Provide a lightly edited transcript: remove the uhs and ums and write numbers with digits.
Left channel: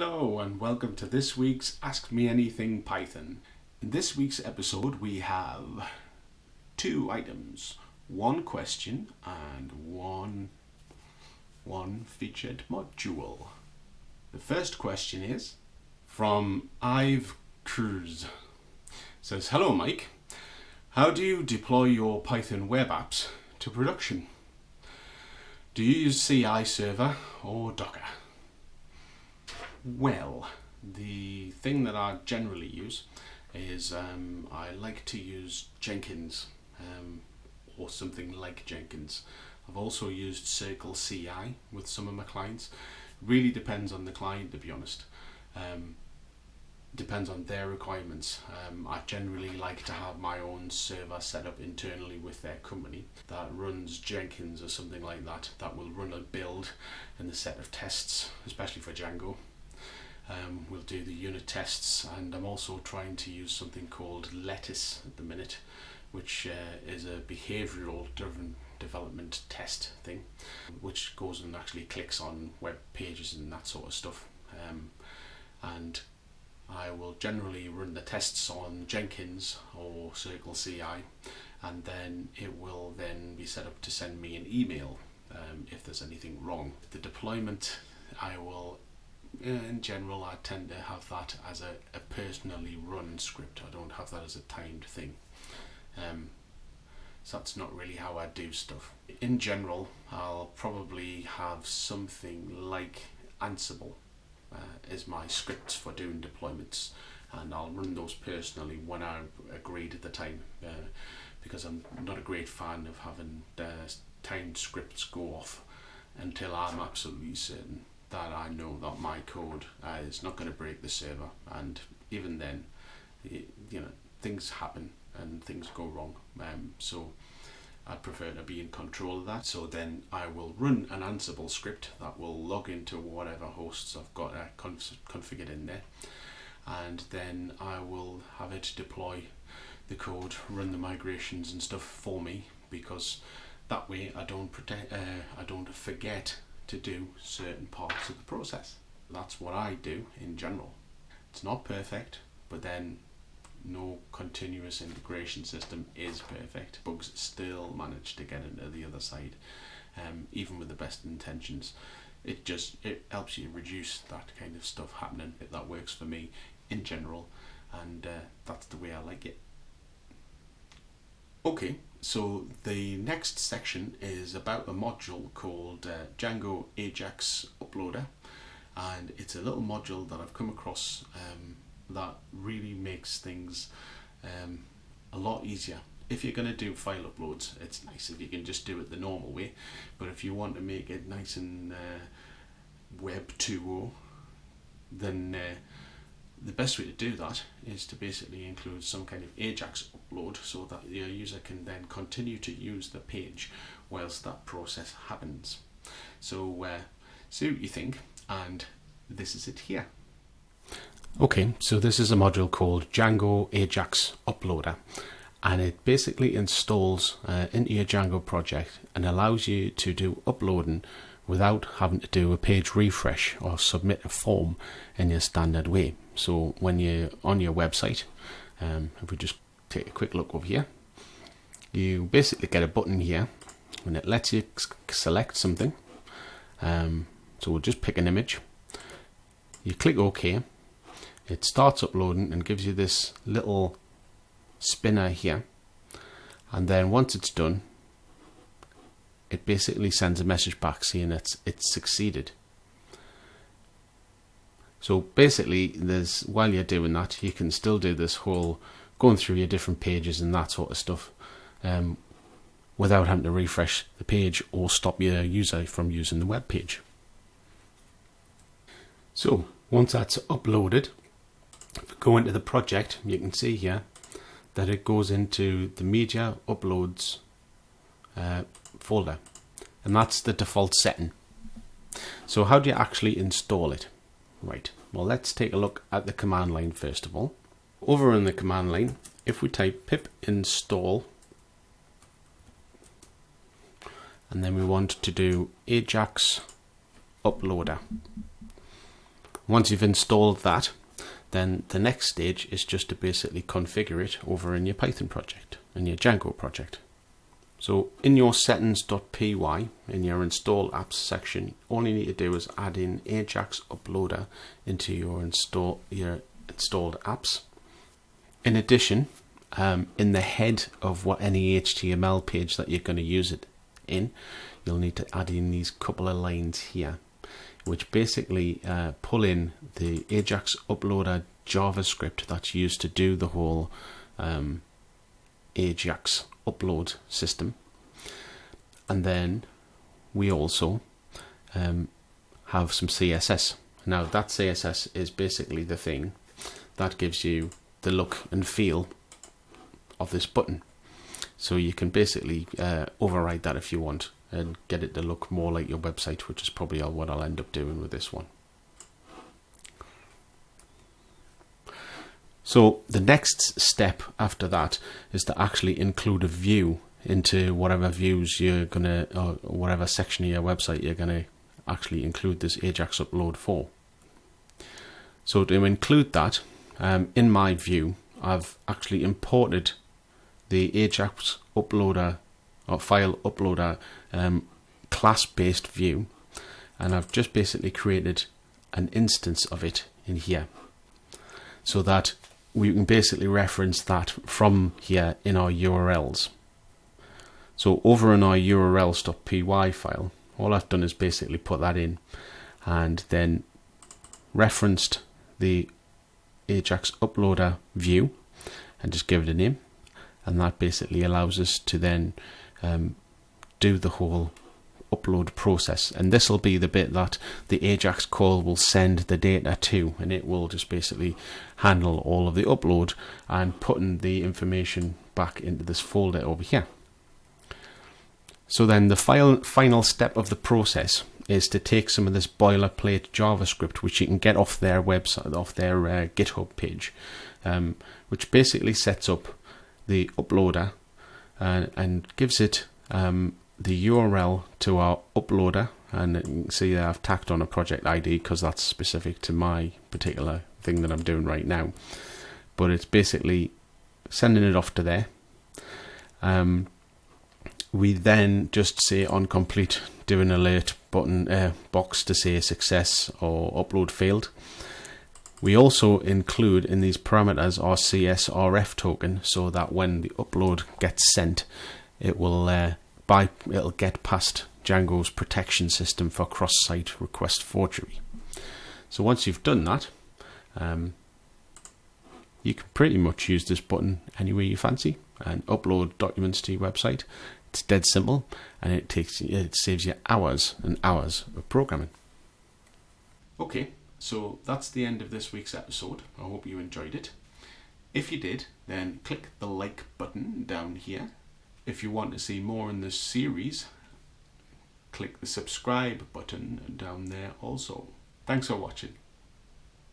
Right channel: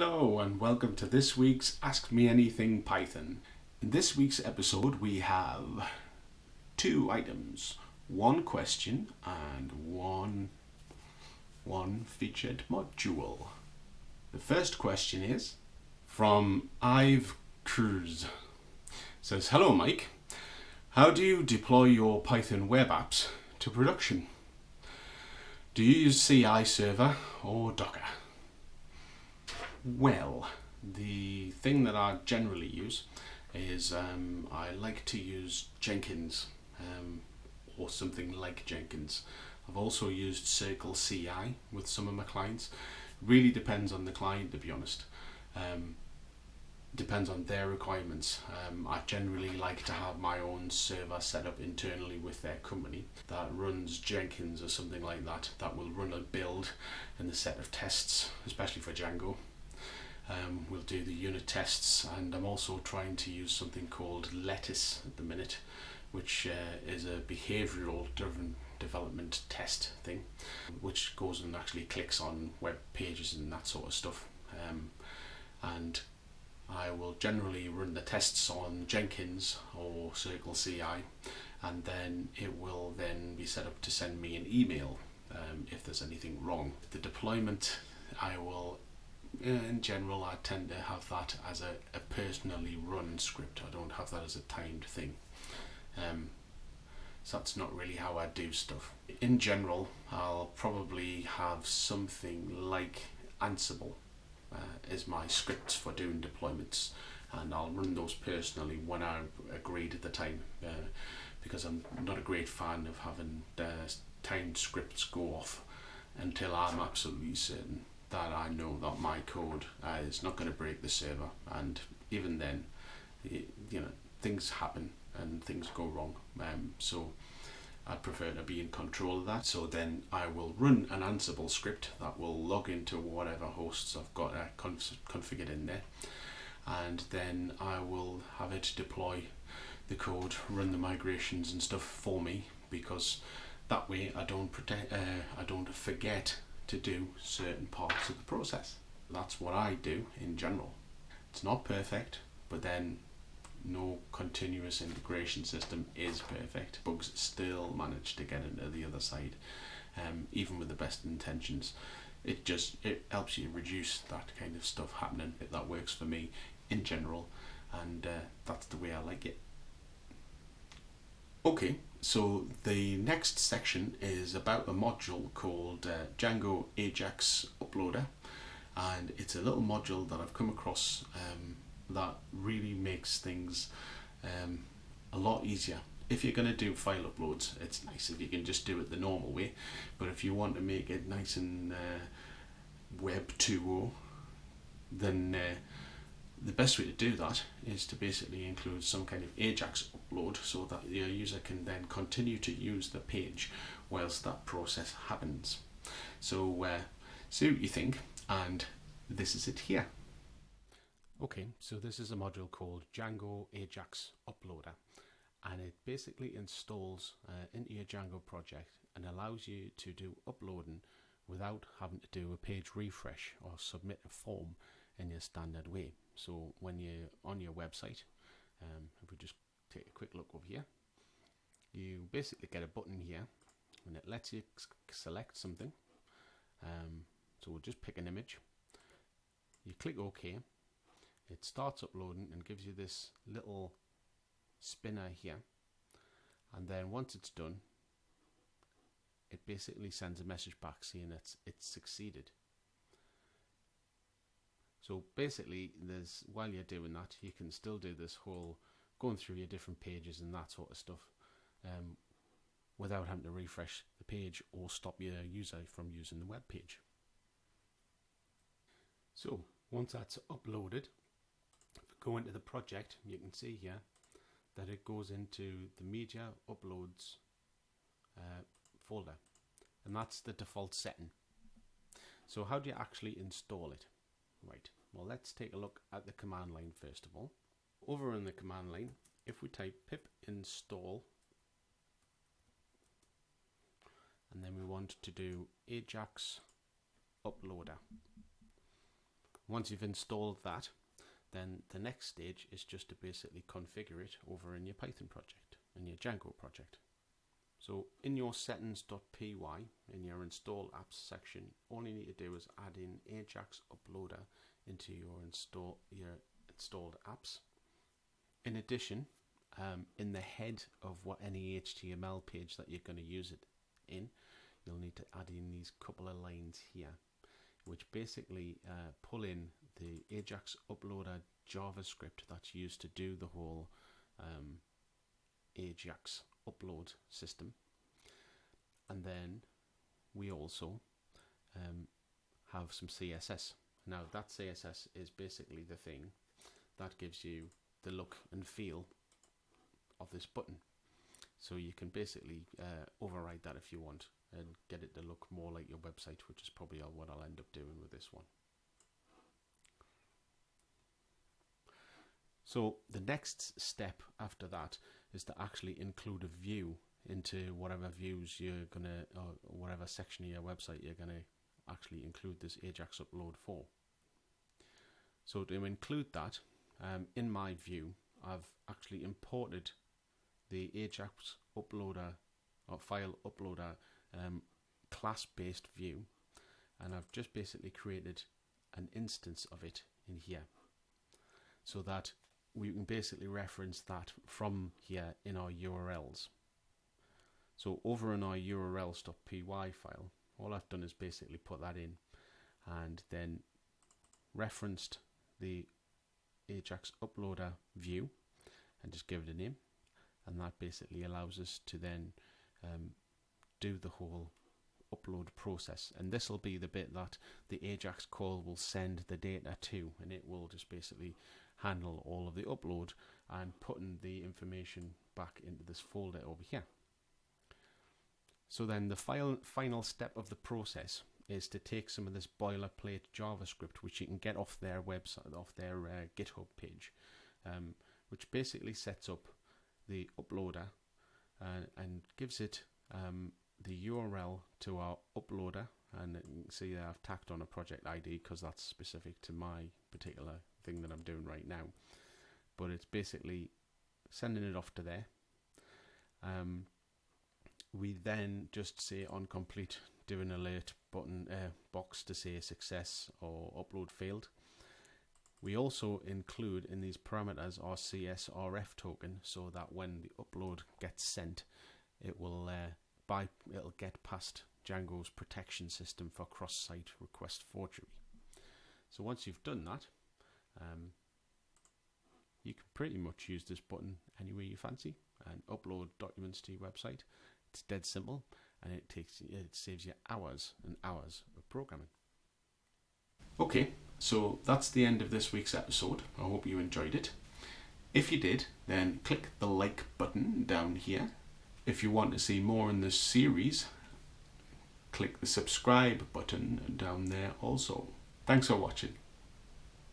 Hello and welcome to this week's Ask Me Anything Python. In this week's episode we have two items, one question and one featured module. The first question is from Ive Cruz. It says, hello Mike, how do you deploy your Python web apps to production? Do you use CI server or Docker? Well, the thing that I generally use is I like to use Jenkins or something like Jenkins. I've also used Jenkins CI with some of my clients. Really depends on the client, to be honest. Depends on their requirements. I generally like to have my own server set up internally with their company that runs Jenkins or something like that, that will run a build and a set of tests, especially for Django. We'll do the unit tests, and I'm also trying to use something called Lettuce at the minute, which is a behavioral driven development test thing, which goes and actually clicks on web pages and that sort of stuff. And I will generally run the tests on Jenkins or Jenkins CI, and then it will then be set up to send me an email if there's anything wrong. The deployment, I will, in general, I tend to have that as a personally run script. I don't have that as a timed thing. So that's not really how I do stuff. In general, I'll probably have something like Ansible as my scripts for doing deployments, and I'll run those personally when I agreed at the time, because I'm not a great fan of having timed scripts go off until I'm absolutely certain that I know that my code is not going to break the server. And even then, things happen and things go wrong, so I prefer to be in control of that. So then I will run an Ansible script that will log into whatever hosts I've got configured in there, and then I will have it deploy the code, run the migrations and stuff for me, because that way I don't forget to do certain parts of the process. That's what I do in general. It's not perfect, but then no continuous integration system is perfect. Bugs still manage to get into the other side, even with the best intentions. It helps you reduce that kind of stuff happening. That works for me in general, and that's the way I like it. Okay, so the next section is about a module called django-ajax-uploader, and it's a little module that I've come across that really makes things a lot easier. If you're going to do file uploads, it's nice if you can just do it the normal way, but if you want to make it nice and Web 2.0, then the best way to do that is to basically include some kind of Ajax upload, so that your user can then continue to use the page whilst that process happens. So see what you think, and this is it here. Okay, so this is a module called django-ajax-uploader, and it basically installs into your Django project and allows you to do uploading without having to do a page refresh or submit a form in your standard way. So when you're on your website, if we just take a quick look over here, you basically get a button here and it lets you select something. So we'll just pick an image. You click OK. It starts uploading and gives you this little spinner here. And then once it's done, it basically sends a message back saying it's succeeded. So basically, while you're doing that, you can still do this whole going through your different pages and that sort of stuff without having to refresh the page or stop your user from using the web page. So once that's uploaded, if we go into the project, you can see here that it goes into the media uploads folder, and that's the default setting. So how do you actually install it? Right, well, let's take a look at the command line first of all. Over in the command line, if we type pip install, and then we want to do Ajax uploader, Once you've installed that, then the next stage is just to basically configure it over in your Python project, in your Django project. So in your settings.py, in your install apps section, all you need to do is add in Ajax-uploader into your installed apps. In addition, in the head of any HTML page that you're going to use it in, you'll need to add in these couple of lines here, which basically pull in the Ajax-uploader JavaScript that's used to do the whole Ajax upload system. And then we also have some CSS. Now that CSS is basically the thing that gives you the look and feel of this button. So you can basically override that if you want and get it to look more like your website, which is probably what I'll end up doing with this one. So the next step after that is to actually include a view into whatever views you're gonna, or whatever section of your website you're gonna actually include this Ajax upload for. So to include that, in my view, I've actually imported the Ajax uploader or file uploader class-based view, and I've just basically created an instance of it in here, so that we can basically reference that from here in our URLs. So over in our urls.py file, all I've done is basically put that in and then referenced the Ajax uploader view and just give it a name, and that basically allows us to then do the whole upload process. And this will be the bit that the Ajax call will send the data to, and it will just basically handle all of the upload and putting the information back into this folder over here. So then the final step of the process is to take some of this boilerplate JavaScript, which you can get off their website, off their GitHub page, which basically sets up the uploader and gives it the URL to our uploader. And you can see that I've tacked on a project ID because that's specific to my particular thing that I'm doing right now. But it's basically sending it off to there. We then just say on complete, do an alert button box to say success or upload failed. We also include in these parameters our CSRF token, so that when the upload gets sent, it will it'll get past Django's protection system for cross-site request forgery. So once you've done that, you can pretty much use this button any way you fancy and upload documents to your website. It's dead simple, and it saves you hours and hours of programming. Okay, so that's the end of this week's episode. I hope you enjoyed it. If you did, then click the like button down here. If you want to see more in this series, click the subscribe button down there also. Thanks for watching.